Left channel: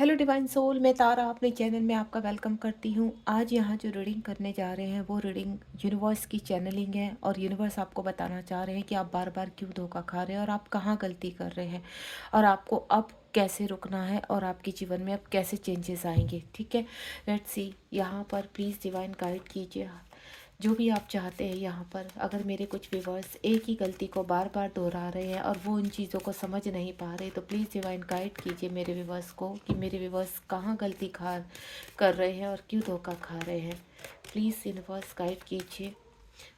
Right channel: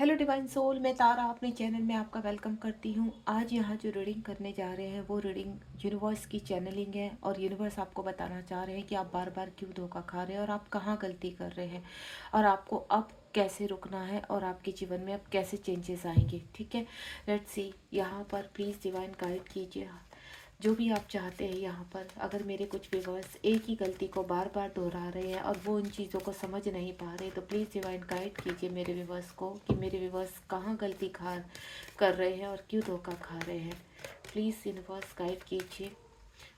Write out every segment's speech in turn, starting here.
Hello divine soul, मैं तारा अपने channel में आपका वेलकम करती हूँ। आज यहाँ जो रीडिंग करने जा रहे हैं वो रीडिंग यूनिवर्स की चैनलिंग है और यूनिवर्स आपको बताना चाह रहे हैं कि आप बार बार क्यों धोखा खा रहे हैं और आप कहाँ गलती कर रहे हैं और आपको अब कैसे रुकना है और आपके जीवन में अब कैसे चेंजेस आएंगे। ठीक है, लेट्स सी। यहाँ पर प्लीज़ डिवाइन गाइड कीजिए जो भी आप चाहते हैं। यहाँ पर अगर मेरे कुछ व्यूअर्स एक ही गलती को बार बार दोहरा रहे हैं और वो उन चीज़ों को समझ नहीं पा रहे, तो प्लीज़ डिवाइन गाइड कीजिए मेरे व्यूअर्स को कि मेरे व्यूअर्स कहाँ गलती खा कर रहे हैं और क्यों धोखा खा रहे हैं। प्लीज़ यूनिवर्स गाइड कीजिए।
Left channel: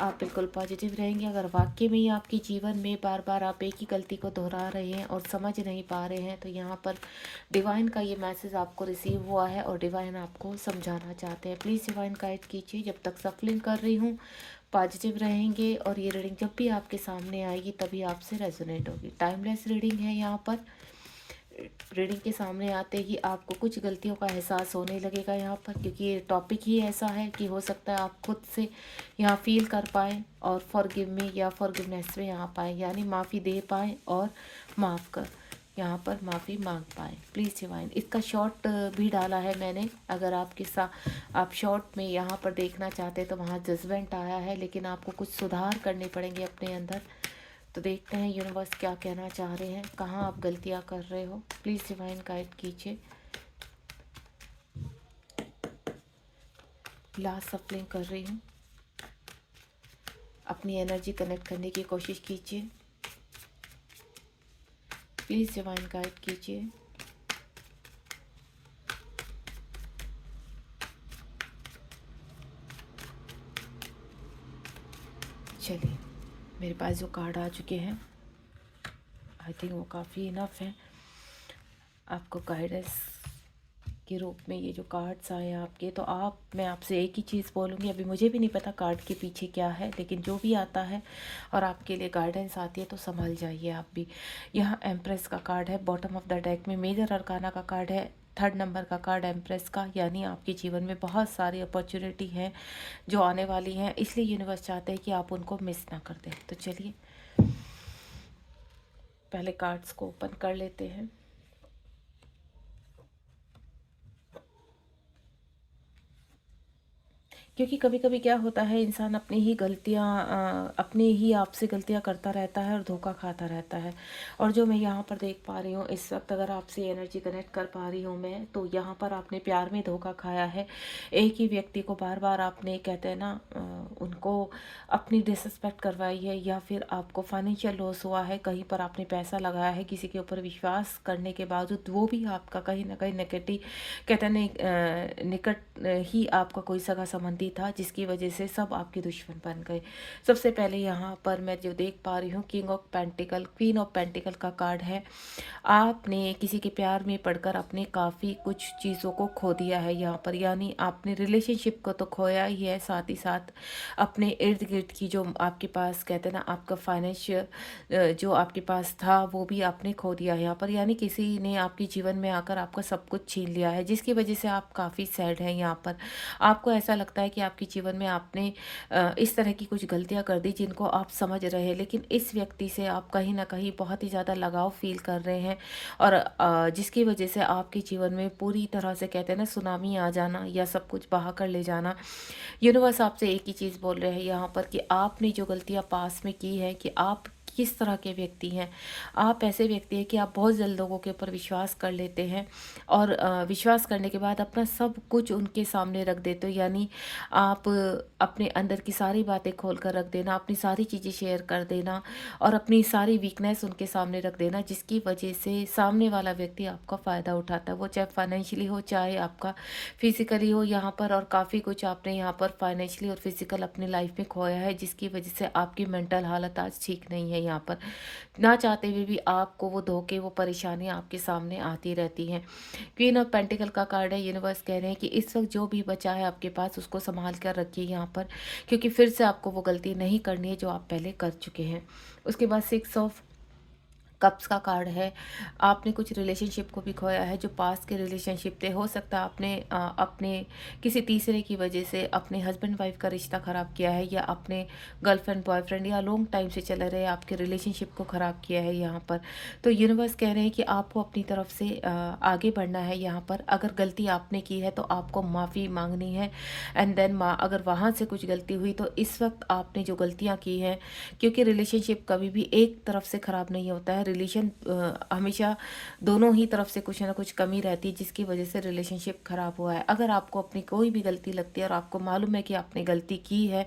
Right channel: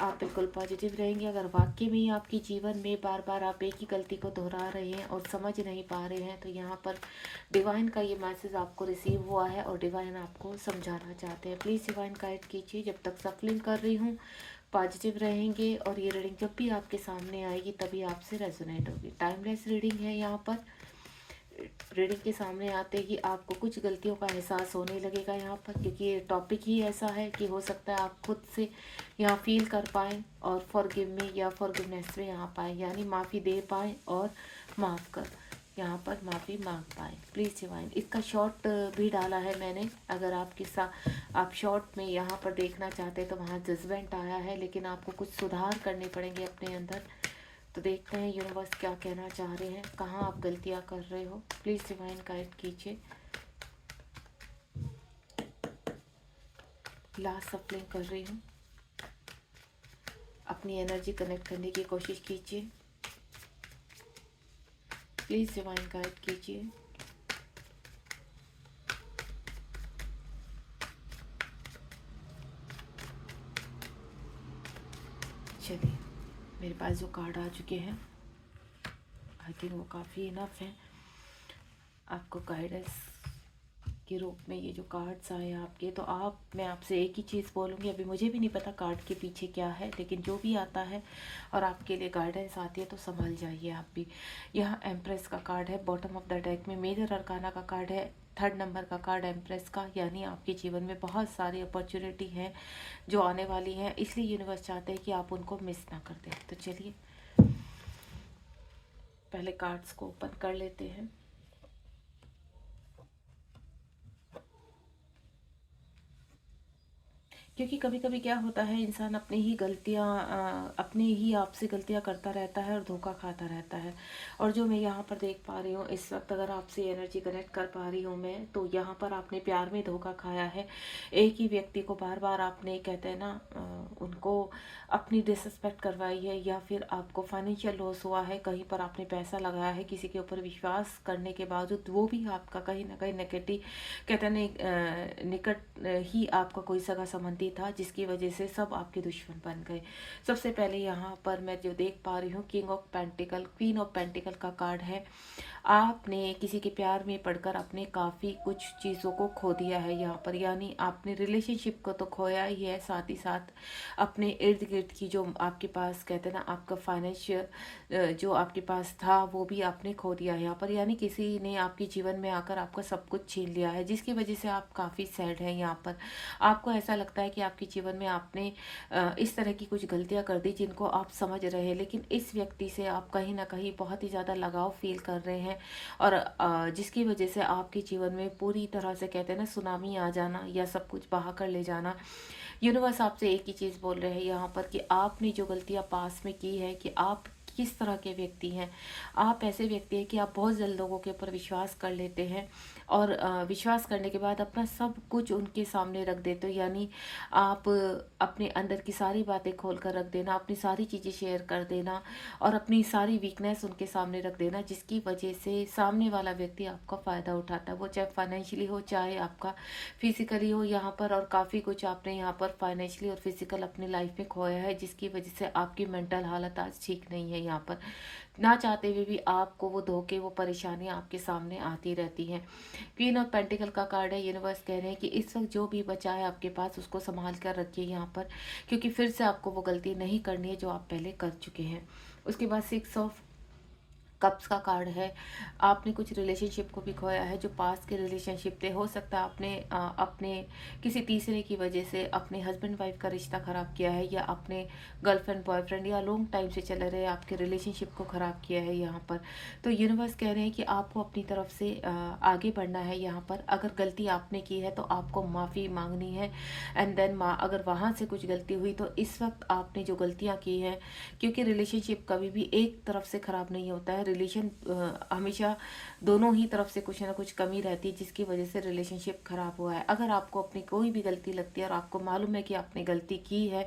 आप बिल्कुल पॉजिटिव रहेंगे। अगर वाकई में ही आपके जीवन में बार बार आप एक ही गलती को दोहरा रहे हैं और समझ नहीं पा रहे हैं, तो यहाँ पर डिवाइन का ये मैसेज आपको रिसीव हुआ है और डिवाइन आपको समझाना चाहते हैं। प्लीज़ डिवाइन गाइड कीजिए। जब तक सफलिंग कर रही हूँ, पॉजिटिव रहेंगे और ये रीडिंग जब भी आपके सामने आएगी तभी आपसे रेजोनेट होगी। टाइमलेस रीडिंग है। यहाँ पर रीडिंग के सामने आते ही आपको कुछ गलतियों का एहसास होने लगेगा यहाँ पर, क्योंकि ये टॉपिक ही ऐसा है कि हो सकता है आप खुद से यहाँ फील कर पाएँ और फॉरगिव मी या फॉरगिवनेस में यहाँ पाएँ, यानी माफ़ी दे पाएँ और माफ़ कर यहाँ पर माफ़ी मांग पाएँ। प्लीज़ डिवाइन, इसका शॉर्ट भी डाला है मैंने। अगर आपके साथ आप शॉर्ट में यहाँ पर देखना चाहते हैं तो वहाँ जजमेंट आया है, लेकिन आपको कुछ सुधार करने पड़ेंगे अपने अंदर। तो देखते हैं यूनिवर्स क्या कहना चाह रहे हैं, कहाँ आप गलतियाँ कर रहे हो। प्लीज़ डिवाइन गाइड कीजिए। लास्ट सफलिंग कर रही हूँ। अपनी एनर्जी कनेक्ट करने की कोशिश कीजिए। प्लीज़ डिवाइन गाइड कीजिए। चलिए, मेरे पास जो कार्ड आ चुके हैं आई थिंक वो काफ़ी इनफ है आपको गाइडेंस के रूप में। ये जो कार्ड्स आए आपके, तो मैं आपसे एक ही चीज़ बोलूँगी। अभी मुझे भी नहीं पता कार्ड के पीछे क्या है, लेकिन जो भी आता है और आपके लिए गाइडेंस आती है तो संभल जाइए आप भी। यहाँ एम्प्रेस का कार्ड है बॉटम ऑफ द डेक में। मेजर अरकाना का कार्ड है, 3rd नंबर का कार्ड एम्प्रेस का, यानी आपके जीवन में बहुत सारी अपॉर्चुनिटी हैं जो आने वाली हैं, इसलिए यूनिवर्स चाहते हैं कि आप उनको मिस ना कर दें। तो चलिए पहले कार्ड्स को ओपन कर लेते हैं। क्योंकि कभी कभी क्या होता है, इंसान अपनी ही गलतियाँ अपने ही आप से गलतियाँ करता रहता है और धोखा खाता रहता है। और जो मैं यहाँ पर देख पा रही हूँ इस वक्त, अगर आपसे एनर्जी कनेक्ट कर पा रही हूँ मैं, तो यहाँ पर आपने प्यार में धोखा खाया है। एक ही व्यक्ति को बार बार आपने, कहते हैं ना, उनको अपनी डिसरिस्पेक्ट करवाई है, या फिर आपको फाइनेंशियल लॉस हुआ है। कहीं पर आपने पैसा लगाया है किसी के ऊपर विश्वास करने के बावजूद, वो भी आपका कहीं ना कहीं नेगेटिव, कहते हैं निकट ही आपका कोई सगा संबंधी था, जिसकी वजह से सब आपके दुश्मन बन गए। सबसे पहले यहाँ पर मैं जो देख पा रही हूँ, king of pentacle, queen of pentacle का कार्ड है। आपने किसी के प्यार में पड़कर अपने काफ़ी कुछ चीज़ों को खो दिया है यहाँ पर, यानी आपने रिलेशनशिप को तो खोया ही है, साथ ही साथ अपने इर्द गिर्द की जो आपके पास, कहते हैं ना, आपका फाइनेंशियल जो आपके पास था वो भी आपने खो दिया है यहाँ पर, यानी किसी ने आपके जीवन में आकर आपका सब कुछ छीन लिया है, जिसकी वजह से आप काफ़ी सैड हैं यहाँ पर। आपको ऐसा लगता है कि आपके जीवन में आपने इस तरह की कुछ गलतियां कर दी जिनको आप समझ रहे हैं, लेकिन इस व्यक्ति से आप कहीं ना कहीं बहुत ही ज़्यादा लगाव फील कर रहे हैं, और जिसकी वजह से आपके जीवन में पूरी तरह से, कहते हैं ना, सुनामी आ जाना या सब कुछ बहा कर ले जाना। यूनिवर्स आपसे एक ही चीज़ बोल रहे हैं यहाँ पर कि आपने जो गलतियाँ पास में की है, कि आप किस तरह के व्यक्ति हैं। आप ऐसे व्यक्ति हैं कि आप बहुत जल्द लोगों के ऊपर विश्वास कर लेते हैं और विश्वास करने के बाद अपना सब कुछ उनके सामने रख देते हो, यानी आप अपने अंदर की सारी बातें खोल कर रख देना, अपनी सारी चीज़ें शेयर कर देना और अपनी सारी वीकनेस उनके सामने रख देना, जिसकी वजह से सामने वाला व्यक्ति आपका फ़ायदा उठाता है। वो चाहे फाइनेंशियली हो, चाहे आपका फिजिकली हो यहाँ पर, और काफ़ी कुछ आपने यहाँ पर फाइनेंशियली और फिजिकल अपनी लाइफ में खोया है, जिसकी वजह से आपकी मेंटल हालत आज ठीक नहीं है। यहाँ पर ना चाहते हुए भी आपको वो धोखे, वो परेशानियाँ आपके सामने आती रहती हैं। क्वीन ऑफ पेंटिकल का कार्ड है। यूनिवर्स कह रहे हैं कि इस वक्त जो भी बचा है आपके पास, उसको संभाल कर रखिए यहाँ पर, क्योंकि फिर से आपको वो गलती नहीं करनी है जो आप पहले कर चुके हैं। उसके बाद 6 ऑफ कप्स का कार्ड है। आपने कुछ रिलेशनशिप को भी खोया है, जो पास्ट के रिलेशनशिप थे। हो सकता है आपने अपने किसी तीसरे की वजह से अपने हस्बैंड वाइफ का रिश्ता ख़राब किया है, या अपने गर्लफ्रेंड बॉयफ्रेंड या लॉन्ग टाइम से चल रहे आपके रिलेशनशिप को ख़राब किया है यहाँ पर। तो यूनिवर्स कह रहे हैं कि आपको अपनी तरफ से आगे बढ़ना है यहाँ पर। अगर गलती आपने की है तो आपको माफ़ी मांगनी है, एंड देन अगर वहाँ से कुछ गलती हुई तो इस वक्त आपने जो गलतियाँ की हैं, क्योंकि रिलेशनशिप कभी भी एक तरफ से ख़राब नहीं होता है। रिलेशन हमेशा दोनों ही तरफ से कुछ ना कुछ कमी रहती है, जिसकी वजह से रिलेशनशिप ख़राब हुआ है। अगर आपको अपनी कोई भी गलती लगती है और आपको मालूम है कि आपने गलती की है,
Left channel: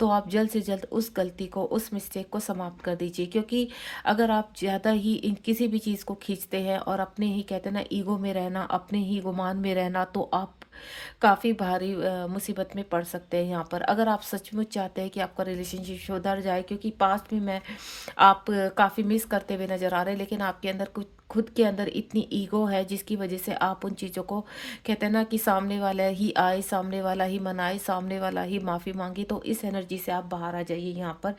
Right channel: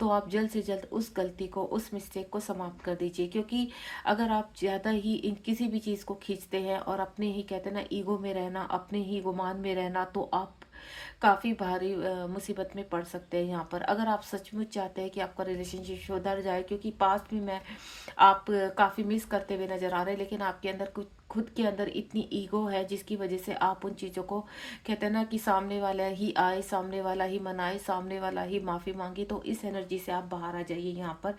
तो आप जल्द से जल्द उस गलती को, उस मिस्टेक को समाप्त कर दीजिए। क्योंकि अगर आप ज़्यादा ही इन किसी भी चीज़ को खींचते हैं और अपने ही कहते हैं ना ईगो में रहना, अपने ही गुमान में रहना, तो आप काफ़ी भारी मुसीबत में पड़ सकते हैं यहाँ पर। अगर आप सचमुच चाहते हैं कि आपका रिलेशनशिप सुधर जाए, क्योंकि पास्ट में आप काफ़ी मिस करते हुए नज़र आ रहे हैं, लेकिन आपके अंदर कुछ खुद के अंदर इतनी ईगो है जिसकी वजह से आप उन चीज़ों को कहते हैं ना कि सामने वाला ही आए, सामने वाला ही मनाए, सामने वाला ही माफ़ी मांगे। तो इस एनर्जी से आप बाहर आ जाइए यहाँ पर,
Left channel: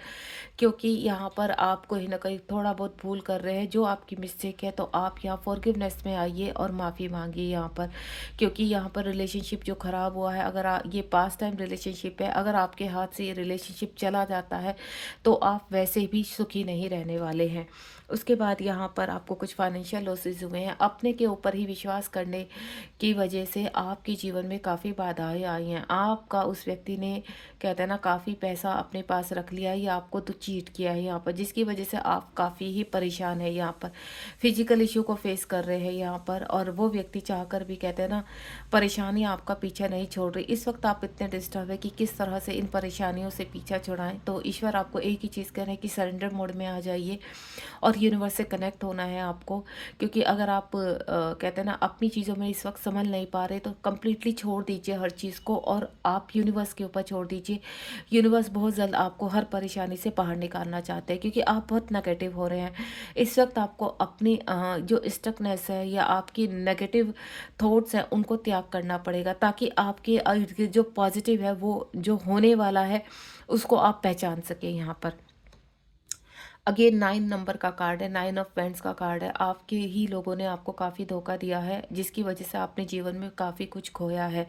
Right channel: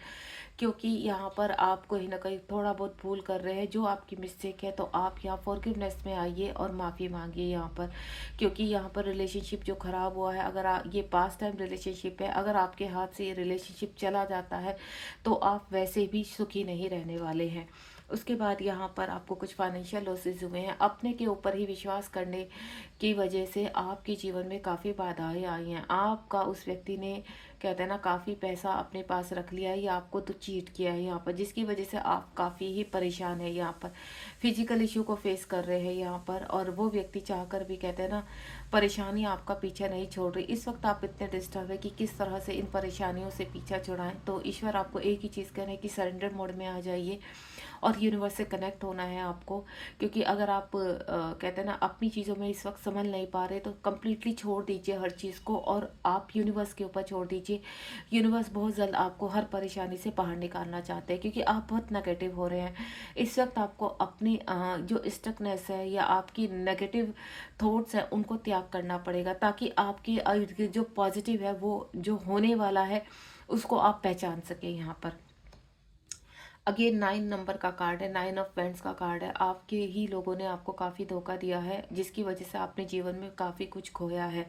क्योंकि यहाँ पर आप कहीं ना कहीं थोड़ा बहुत भूल कर रहे हैं, जो आपकी मिस्टेक है। तो आप यहाँ फॉरगिवनेस में आइए और माफ़ी मांगिए यहाँ पर, क्योंकि यहाँ पर रिलेशनशिप जो ख़राब हुआ है, अगर ये पास टाइम रिलेशनशिप है, अगर आपके हाथ से ये रिलेशनशिप चला जाता है तो आप वैसे भी सुखी नहीं रहने वाले हैं। उसके बाद यहाँ पर आपको कुछ फाइनेंशियल लॉसेस हुए हैं। अपने के ऊपर ही विश्वास करने की वजह से आपके जीवन में काफ़ी बाधाएं आई हैं। आपका उस व्यक्ति ने कहते हैं ना काफ़ी पैसा अपने पास रख लिया है, या आपको तो चीट किया है यहाँ पर, जिसकी वजह से आप काफ़ी ही परेशान है यहाँ पर। फिजिकल इशू को फेस कर रहे हैं यहाँ पर, और वो व्यक्ति चाहकर भी कहते हैं ना परेशानी आपका पीछा नहीं छोड़ रही। इस वक्त आप इतने डिस्टर्ब है कि किस तरह से इन परेशानियों से पीछा छुड़ाएं। तो ईश्वर आपको एक ही चीज़ कह रहे हैं कि सरेंडर मोड में आ जाइए और यूनिवर्स से कनेक्ट होना है आपको। क्योंकि अगर आप कहते हैं ना अपनी चीज़ों में इस वक्त संभल नहीं पा रहे, तो कम्प्लीटली छोड़ दीजिए हर चीज़ को और आप यूनिवर्स के ऊपर छोड़ दीजिए। यूनिवर्स बहुत जल्द आपको हर परेशानी से बाहर निकालना चाहते हैं, क्योंकि आप बहुत नेगेटिव हो रहे हैं इस वक्त। आपको अपनी जो स्टकनेस है या आपकी नेगेटिव थॉट्स हैं उनको त्याग करना पड़ेगा, ताकि आपके इर्द गिर्द जो पॉजिटिव है, वो जो होने वाला है, उसको आप पहचान सकें यहाँ पर। अगेन 9 नंबर का कार्ड है, 9 ऑफ पेंट्स का कार्ड है। आपके ही लोगों ने आपको काफ़ी धोखा दिया है, जिसकी वजह से आपने जीवन में काफ़ी कुछ खोया है।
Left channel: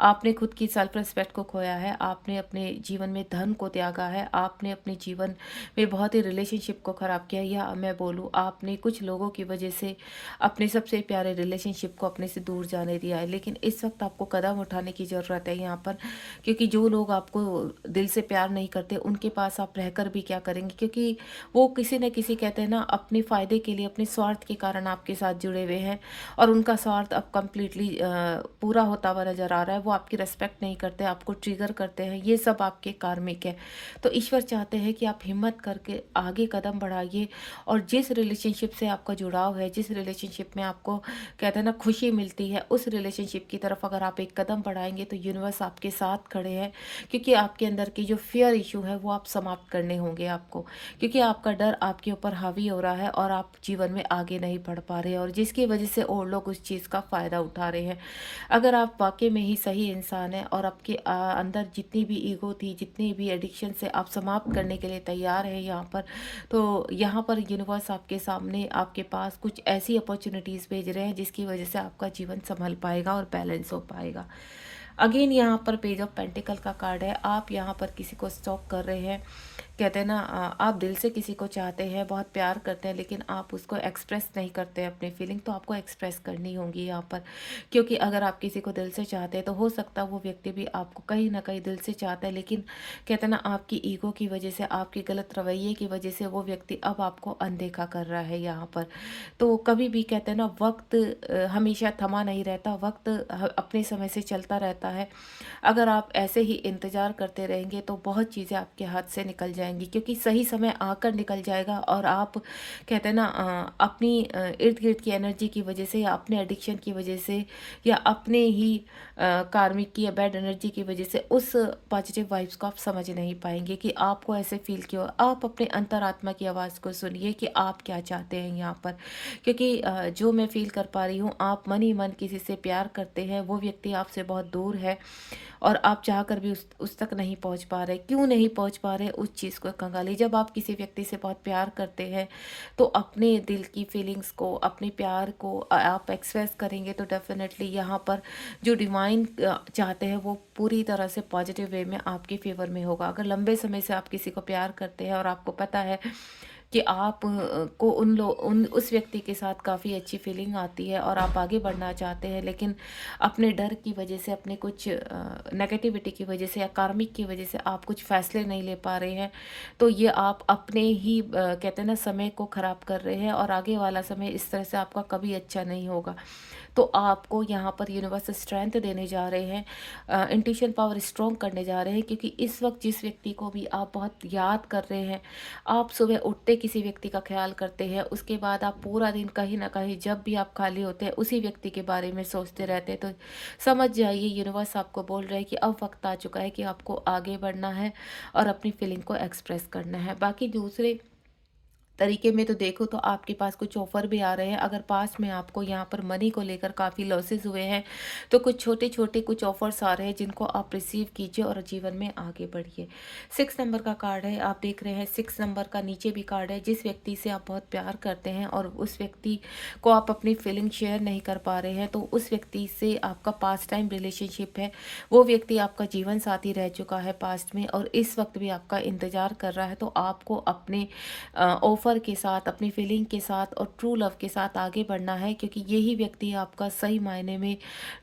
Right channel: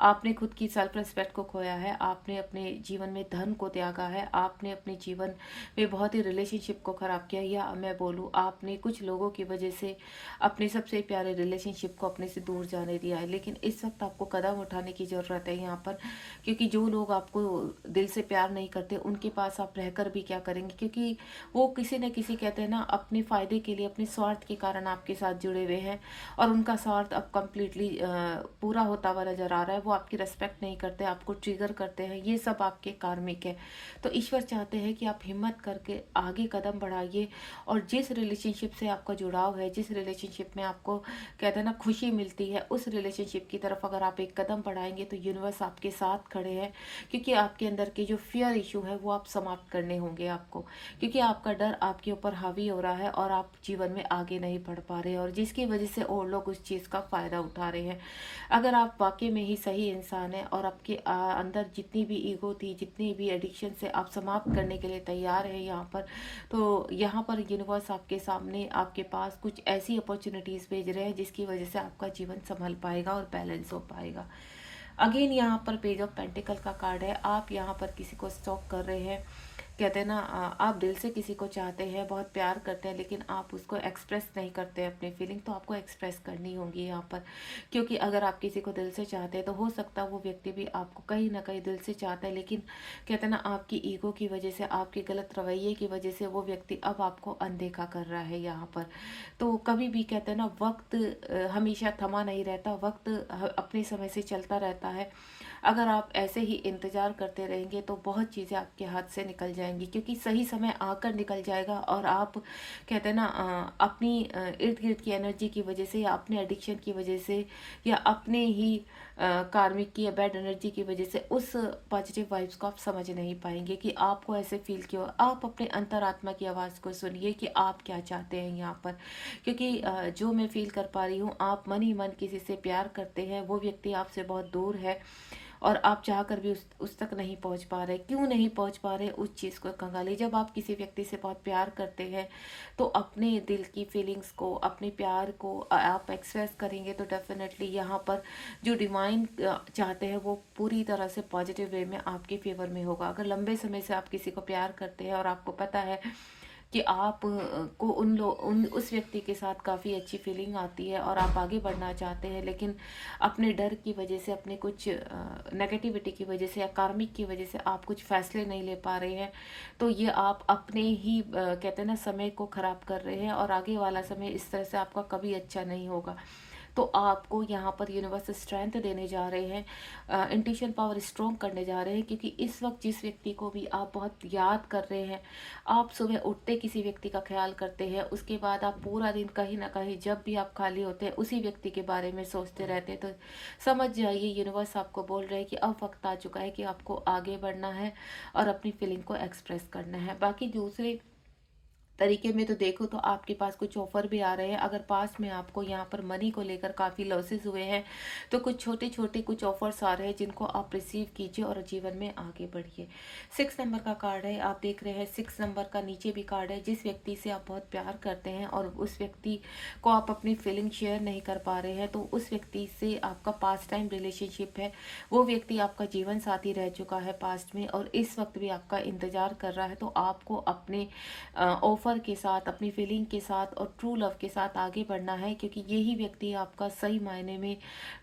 आपने खुद की सेल्फ रिस्पेक्ट को खोया है, आपने अपने जीवन में धन को त्यागा है, आपने अपने जीवन में बहुत ही रिलेशनशिप को ख़राब किया, या मैं बोलूँ आपने कुछ लोगों की वजह से अपने सबसे प्यारे रिलेशनशिप को अपने से दूर जाने दिया है। लेकिन इस वक्त आपको कदम उठाने की ज़रूरत है यहाँ पर, क्योंकि जो लोग आपको दिल से प्यार नहीं करते उनके पास आप रहकर भी क्या करेंगे, क्योंकि वो किसी न किसी कहते हैं ना अपने फ़ायदे के लिए, अपने स्वार्थ के कारण आपके साथ जुड़े हुए हैं, और उनका स्वार्थ अब कम्प्लीटली पूरा होता हुआ नज़र आ रहा है। वो आपकी रिस्पेक्ट नहीं करते, आपको ट्रिगर करते हैं, ये सब आपके कार्मिक है। तो ईश्वर चाहते हैं कि आप हिम्मत करके आगे कदम बढ़ाइए, और जिस रिलेशनशिप से आपका जुड़ाव है, जिस रिलेशनशिप में आपको कहते हैं ना खुशी मिलती है, उस रिलेशनशिप की तरफ अगर आप एक कदम बढ़ाएंगे तो यूनिवर्स आपके साथ खड़े हैं। क्योंकि आपके अंदर की जो फियर इशू है वो आप समाप्त करने होंगे आपको, क्योंकि आपका डर आपके ऊपर हावी हो रहा है और आप जीवन में आगे नहीं बढ़ पा रहे हैं, और जिसकी वजह से और लोग उस चीज़ का फ़ायदा उठा रहे हैं। अगर आप वाकई में ही सही इंसान हैं और आपके अंदर जितनी भी ईगो थी, जितनी भी एडिक्शन से आप समाप्त करने के लिए तैयार हैं यहाँ पर, तो यहाँ पर यूनिवर्स आपके सामने, आपके पास कुछ ऐसी अपॉर्चुनिटीज़ भेज रहे हैं जिसकी वजह से आपका जीवन संभल पाएगा और बैलेंस हो पाएगा। अगेन यहाँ पर पेज ऑफ पेंटिकल का कार्ड है। आप यहाँ पर किसी को स्टॉक कर रहे हैं, कहते हैं ना आप दिल से किसी को चाहते हैं, बहुत प्यार करते हैं, लेकिन आप उसको एक्सप्रेस नहीं करते हैं अपनी फीलिंग। तो आपको एक्सप्रेस करनी होगी यहाँ पर, क्योंकि अगर आप किसी को दिल से चाहते हैं तो हो सकता है वो व्यक्ति भी आपको कहीं ना कहीं दिल से चाहता है, लेकिन कहते हैं ना आपकी ईगो की वजह से, आपके गलत रवैये की वजह से वो व्यक्ति अब आपको अनदेखा कर रहा है यहाँ पर। तो कभी भी कहते हैं ना वक्त हमेशा थमा नहीं रहता, वक्त अपने समय से चलता रहता है। अगर आप ऐसे ही इंतज़ार करते रहेंगे तो बहुत चीज़ें आपके हाथ से निकल जाएंगी, क्योंकि सही समय आकर निकल जाएगा, और आप कहते हैं ना अपनी इर्द गिर्द की एनर्जी की वजह से, या अपने एडिक्शन की वजह से, या अपने ही कार्मिक की या बैड एनर्जी की वजह से उस पॉजिटिव वाइब्स को आप समझ नहीं पाएंगे कि आपको ऐसे फील क्यों। आप अपने अंतरात्मा की आवाज़ को सुनिए कि आप क्या चाहते हैं यहाँ पर, क्योंकि जो मैं फील कर पा रही हूँ, आप मन ही मन किसी से प्यार करते हैं, वो व्यक्ति आपसे बहुत दूर है, और आप चाह कर भी उस तक नहीं पहुंच पा रहे। क्यों नहीं पहुंच पा रहे, उस चीज़ को खंगालिए। जब आप किसी व्यक्ति से बहुत प्यार करते हैं तो अपने दिल की फीलिंग्स को, अपने प्यार को आप एक्सप्रेस करेंगे तो डेफिनेटली यहाँ पर जो डिवाइन चाहते हैं वो पूरी तरह से पॉजिटिव वे में आपके फेवर में होगा। अगर लंबे समय से आप किसी को प्यार करते हैं और आपको पता है कि आप को उन उस व्यक्ति के साथ काफ़ी अच्छी फीलिंग आती है और आप आगे बढ़ना चाहते हैं, लेकिन अपने डर की वजह से, अपने कुछ नेगेटिविटी की वजह से या कार्मिक की वजह से आप कुछ फैसले नहीं ले पा रहे हैं, तो ये आप अपने ही कहते हैं ना समय को ख़राब कर रहे हैं और आगे वाला समय इस तरह से आपका कभी अच्छा नहीं होगा। तो आपको यहाँ पर यूनिवर्स स्ट्रेंथ देने जा रहे हैं, इंट्यूशन पावर स्ट्रॉन्ग करने जा रहे हैं, क्योंकि इस वक्त जिस व्यक्ति को भी आप बहुत याद कर रहे हैं, आप सुबह उठते किसी व्यक्ति का ख्याल करते हैं, उसके बाद आप पूरा दिन कहीं ना कहीं जब भी आप खाली होते हैं उसी व्यक्ति के बारे में सोचते रहते हैं, तो समझ जाइए यूनिवर्स आपको बोल रहा है कि अब वक्त आ चुका है कि आपको आगे बढ़ना है और अपनी फीलिंग को एक्सप्रेस करना है। बाकी दूसरे तरीके में तो देखो तो आपके पास कुछ ऑफर भी आ रहे हैं। अगर पास में आपको यहाँ पर मनी को लेकर काफ़ी लॉसेस हुए हैं तो कुछ छोटे छोटे कुछ ऑफर्स आ रहे हैं जिनको आप रिसीव कीजिए और जीवन में आगे बढ़िए। 6 नंबर का कार्ड है, आप देख रहे हैं 6 नंबर का नीचे भी कार्ड है। जिस व्यक्ति से आप बहुत प्यार करते हैं और उस व्यक्ति को आप अपनी फीलिंग शेयर नहीं कर पा रहे हैं, तो उस व्यक्ति से आपका पास्ट टाइम रिलेशनशिप है। वो व्यक्ति आपका जीवन साथी रह चुका है पास्ट में और इस वक्त भी आपका इंतजार कर रहा है। तो आपको अपने ऑफर के साथ, अपनी फीलिंग के साथ और ट्रू लव के साथ आगे बढ़ना है, क्योंकि यही व्यक्ति आपका सही मायने में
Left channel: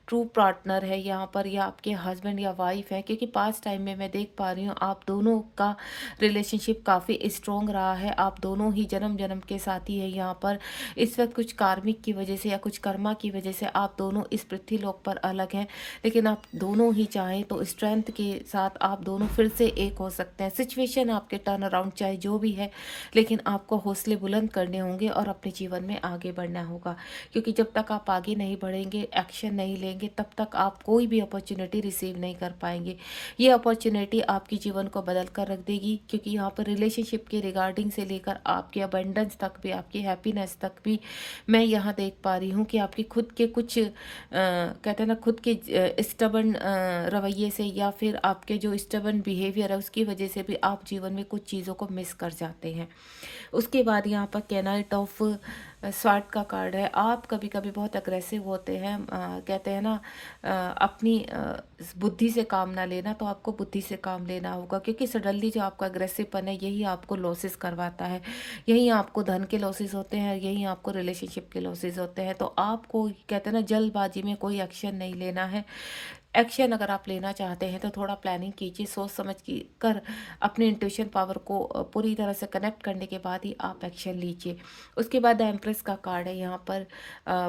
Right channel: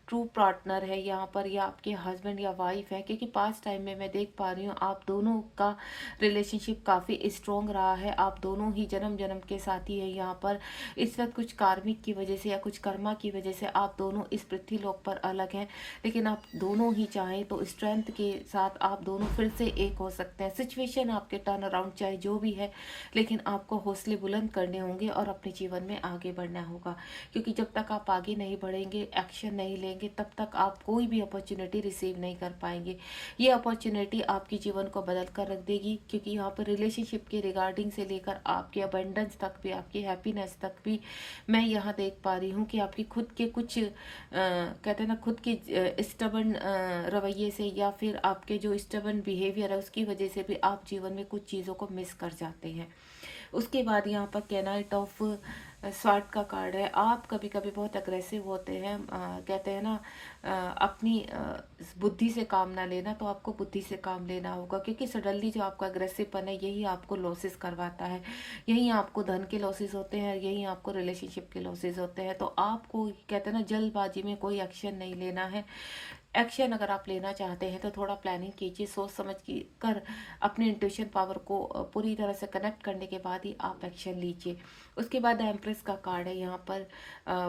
ट्रू पार्टनर है यहाँ पर, या आपके हस्बैंड या वाइफ है। क्योंकि पास्ट टाइम में मैं देख पा रही हूँ आप दोनों का रिलेशनशिप काफ़ी स्ट्रॉन्ग रहा है, आप दोनों ही जन्म जन्म के साथी है यहाँ पर। इस वक्त कुछ कार्मिक की वजह से या कुछ कर्मा की वजह से आप दोनों इस पृथ्वी लोक पर अलग हैं, लेकिन आप दोनों ही चाहें तो स्ट्रेंथ के साथ आप दोनों फिर से एक हो सकते हैं। सिचुएशन आपके टर्न अराउंड चाहे जो भी है, लेकिन आपको हौसले बुलंद करने होंगे और अपने जीवन में आगे बढ़ना होगा। क्योंकि जब तक आप आगे नहीं बढ़ेंगे, एक्शन नहीं लेंगे, तब तक आप कोई भी अपॉर्चुनिटी रिसीव नहीं कर पाएंगे। ये अपॉर्चुनिटी आपके जीवन को बदल कर रख देगी, क्योंकि यहाँ पर रिलेशनशिप के रिगार्डिंग से लेकर आपके अबंडेंस तक भी, आपकी हैप्पीनेस तक भी मैं यहाँ देख पा रही हूँ कि आपकी खुद के कुछ कहते हैं ना, खुद के स्टबर्न रवैये से या फिर आपके जो स्टबर्न बिहेवियर है उसकी वजह से भी आप जीवन में कुछ चीज़ों को मिस कर जाते हैं। उसके बाद यहाँ पर कैनाइट ऑफ स्वार्ड का कार्ड है। आप कभी कभी बहुत अग्रेसिव होते हैं, कहते हैं ना अपनी बुद्धि से काम ना लेना, तो आपको बुद्धि से काम लेना होगा, क्योंकि सडनली जो आपका अग्रेसिवपन है यही आपको लॉसेस करवाता है, यही आपको धन के लॉसेस होते हैं, यही आपको रिलेशनशिप के लॉसेस होते हैं। तो आपको कहते हैं ना जल्दबाजी में कोई एक्शन नहीं लेना है। एक्शन अगर आप लेना चाहते हैं तो थोड़ा प्लानिंग कीजिए, सोच समझ की कर अपने इंट्यूशन पावर को पूरी तरह से कनेक्ट करने के बाद ही आप एक्शन लीजिए। उसके बाद एम्प्रेस का कार्ड है। यहाँ पर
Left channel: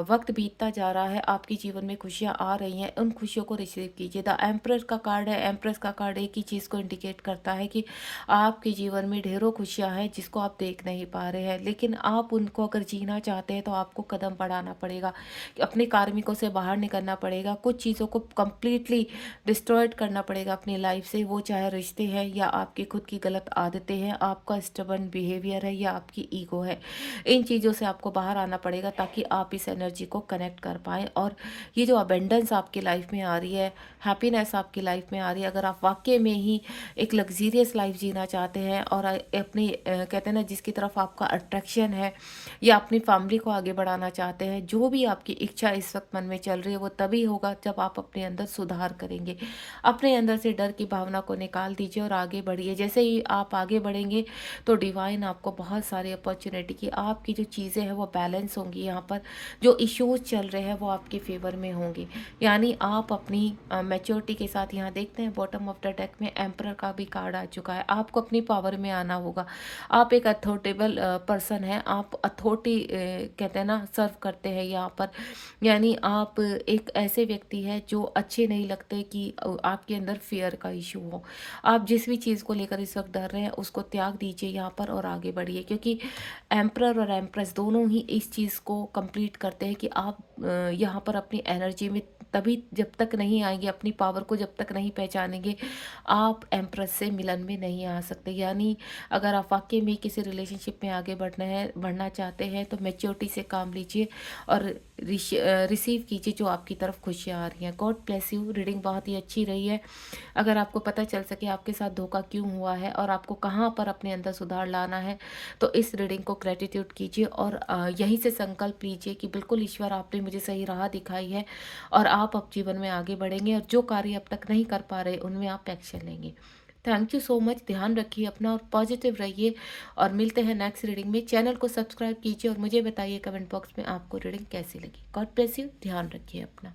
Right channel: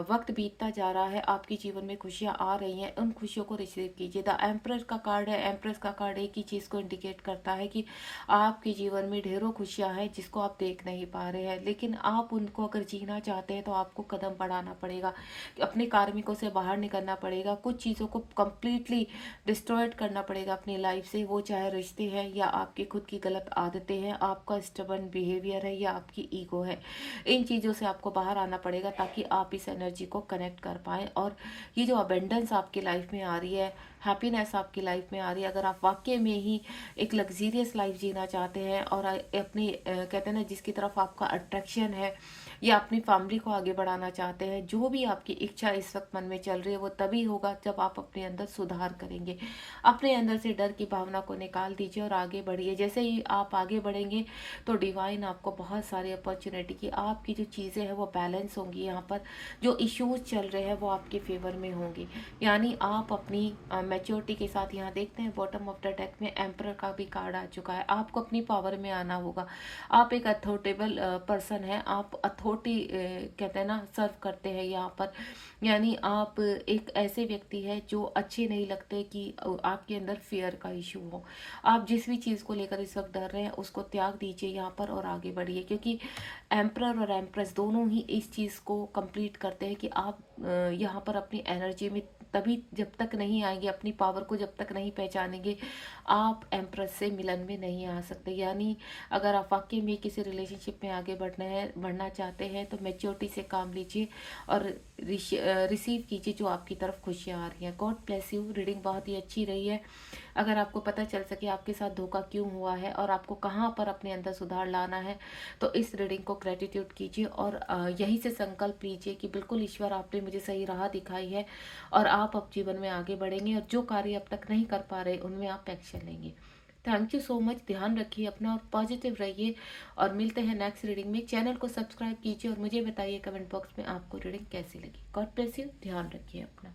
वक्त बीतता जा रहा है, आपके जीवन में खुशियाँ आ रही हैं, उन खुशियों को रिसीव कीजिए। द एम्प्रेस का कार्ड है। एम्प्रेस का कार्ड एक ही चीज़ को इंडिकेट करता है कि आपके जीवन में ढेरों खुशियाँ हैं जिसको आप देख नहीं पा रहे हैं, लेकिन आप उनको अगर जीना चाहते हैं तो आपको कदम बढ़ाना पड़ेगा, अपने कार्मिकों से बाहर निकलना पड़ेगा, कुछ चीज़ों को कंप्लीटली डिस्ट्रॉयड करना पड़ेगा अपनी लाइफ से। वो चाहे रिश्ते हैं या आपकी खुद की गलत आदतें हैं, आपका स्टबर्न बिहेवियर है या आपकी ईगो है, इन चीज़ों से आपको बाहर आना पड़ेगा ताकि आप इस एनर्जी को कनेक्ट कर पाएँ। और ये जो अबेंडेंस आपकी लाइफ में आ रही है, हैप्पीनेस आपकी लाइफ में आ रही है, अगर आप वाकई में ही एक लग्जीरियस लाइफ जीना चाहते हैं और अपनी कहते हैं ना जिसकी तरफ आपका अट्रैक्शन है, या अपनी फैमिली को आगे बढ़ाना चाहते हैं, जो भी आपकी इच्छा इस वक्त मन में चल रही है वो तभी होगा जब आप अपने अंदर सुधार करेंगे। अपने अंदर से डर की भावना को निकाल दीजिए और आगे बढ़िए। जैसे ही आप आगे बढ़ेंगे तो डिवाइन आपको बहुत सारी अपॉर्चुनिटी की, आपकी जो चीज़ें हैं वो बैलेंस होंगी, यहाँ पर जो इश्यूज चल रहे हैं वो आपके फेवर में होंगी। यानी आप अपनी मैच्योरिटी के साथ, यहाँ देखते हैं बॉटम ऑफ द डेक में एम्परर का भी कार्ड आ चुका है, आपको अपनी पावर में आना होगा। आप एक अथॉरिटेबल पर्सन हैं, आप अथॉरिटी कहते हैं ना सर्व करते हैं यहाँ पर, यानी आप एक ऐसे व्यक्ति हैं जो अच्छे नहीं लगते कि आपके अंदर फियर का इशू हो। आप जिस भी चीज़ को लेकर इस वक्त डर रहे हैं उसको त्याग दीजिए यहाँ पर और आगे बढ़िए, क्योंकि एम्परर और एम्प्रेस दोनों ही इस चीज़ को कंप्लीट करते हैं कि आप यहाँ पर अपनी एनर्जी में तभी जब तक नहीं आएंगे, अपनी पावर को जब तक नहीं पहचानेंगे, आप एम्प्रेस से मिलन में नहीं आ सकते। यानी अगर आप वाकई में किसी रिलेशनशिप में आगे बढ़ना चाहते हैं तो मैच्योरिटी से काम लीजिए और रिसीव कीजिए जो आपकी तरफ खुशियाँ आ रही हैं। God bless you. रीडिंग बहुत ही अच्छी रही है। अगर आपको पता चल सके आपके साथ धोखा क्यों हुआ है और आपको कहाँ पर अपने अंदर सुधार लाना है, तो इस रीडिंग को ग्रेटिट्यूड कीजिए और यहीं से संकल्प लीजिए कि बिल्कुल ईश्वर आपने मुझे सही राह दिखाई है और आप अब जीवन में आगे बढ़ेंगे और जो कार्य अब तक नहीं कर पा रहे उनमें आप एक्शन लेंगे। Thank you so much. ध्यान रखिए अपना और पॉजिटिव रहिए और मिलते हैं नेक्स्ट रीडिंग में। चैनल को सब्सक्राइब कीजिए और मुझे बताइए कमेंट बॉक्स में आपको रीडिंग कैसी लगी। God bless you. ध्यान रखिए अपना।